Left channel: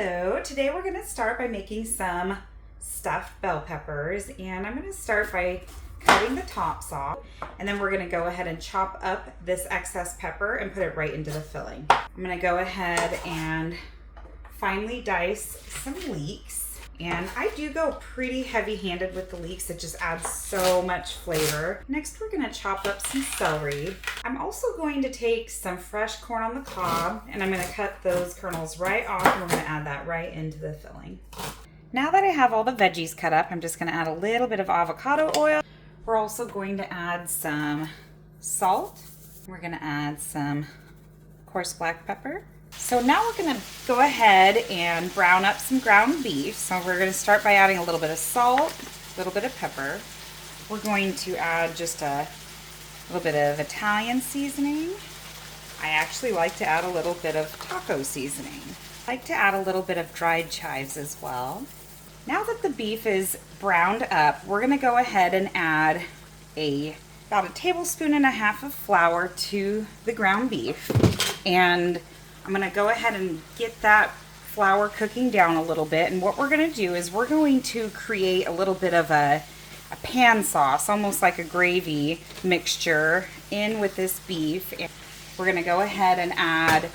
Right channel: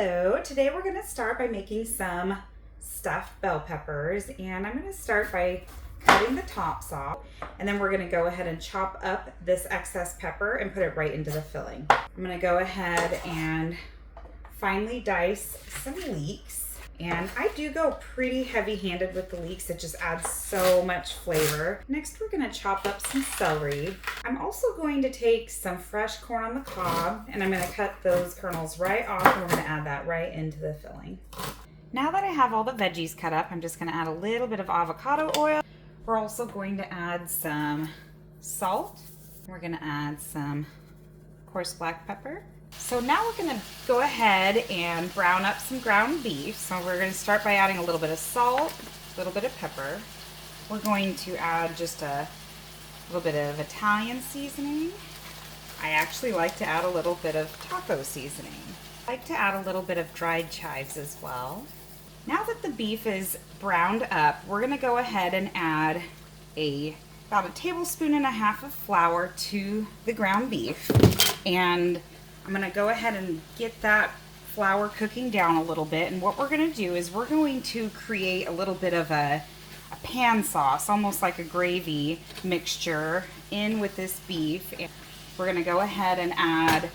Hello, today we're going to start by making some stuffed bell peppers, and I'm going to start by cutting the tops off, and then we're going to go ahead and chop up this excess pepper and put it right into the filling. I'm going to go ahead and finely dice some leeks, and I do go pretty heavy-handed with the leeks. It just adds so much flavor. Next, we're going to chop up some celery. I'm also going to take some fresh corn on the cob, and I'm going to cut those kernels right off, and we're going to add that right into the filling. Now that I have all the veggies cut up, I'm just going to add a little bit of avocado oil. We're also going to add some salt. We're going to add some coarse black pepper. So now we're going to go ahead and brown up some ground beef. So we're going to start by adding a little bit of salt, a little bit of pepper. We're going to add just a little bit of Italian seasoning. I actually like to add a little bit of taco seasoning. I like to add a little bit of dried chives as well. Now that the beef is browned up, we're going to go ahead and add about a tablespoon and a half of flour to the ground beef. And I'm going to go ahead and get that flour cooking down a little bit. And what we're going to do is we're going to create a little bit of a pan sauce, almost like a gravy mixture in with this beef. And we're going to go ahead and add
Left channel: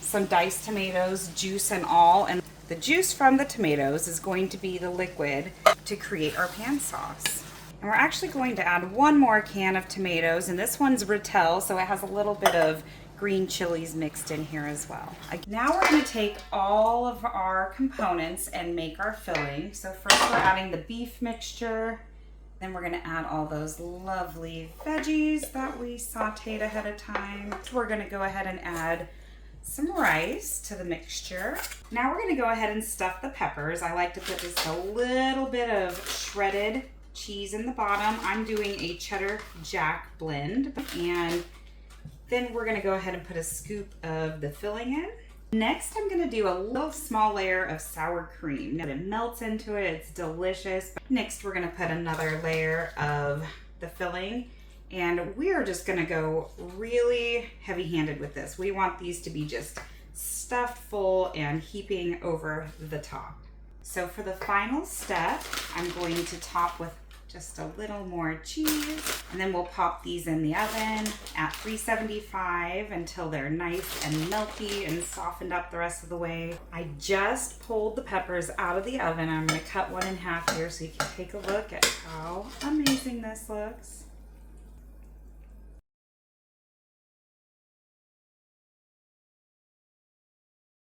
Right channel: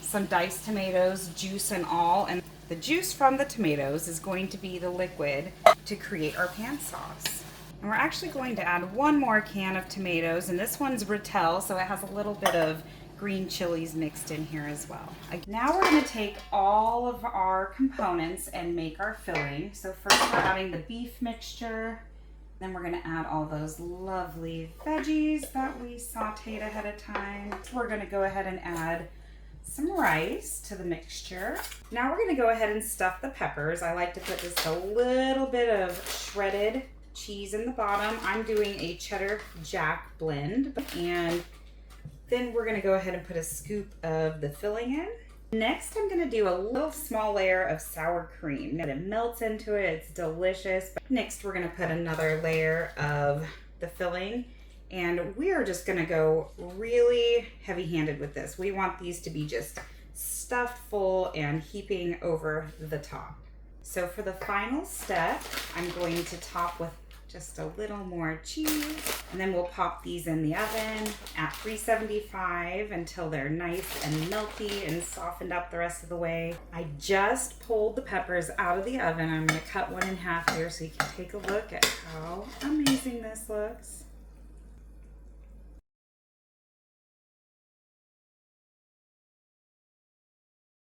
some diced tomatoes, juice and all. And the juice from the tomatoes is going to be the liquid to create our pan sauce. And we're actually going to add one more can of tomatoes. And this one's Rotel, so it has a little bit of green chilies mixed in here as well. Now we're going to take all of our components and make our filling. So first we're adding the beef mixture, then we're going to add all those lovely veggies that we sauteed ahead of time. So we're going to go ahead and add some rice to the mixture. Now we're going to go ahead and stuff the peppers. I like to put just a little bit of shredded cheese in the bottom. I'm doing a cheddar jack blend, and then we're going to go ahead and put a scoop of the filling in. Next, I'm going to do a little small layer of sour cream. Now, it melts into it. It's delicious. Next, we're going to put another layer of the filling, and we are just going to go really heavy-handed with this. We want these to be just stuffed full and heaping over the top. So for the final step, I'm going to top with just a little more cheese, and then we'll pop these in the oven at 375 until they're nice and melty and softened up the rest of the way. I just pulled the peppers out of the oven. I'm going to cut one in half here so you can take a look at how amazing this looks.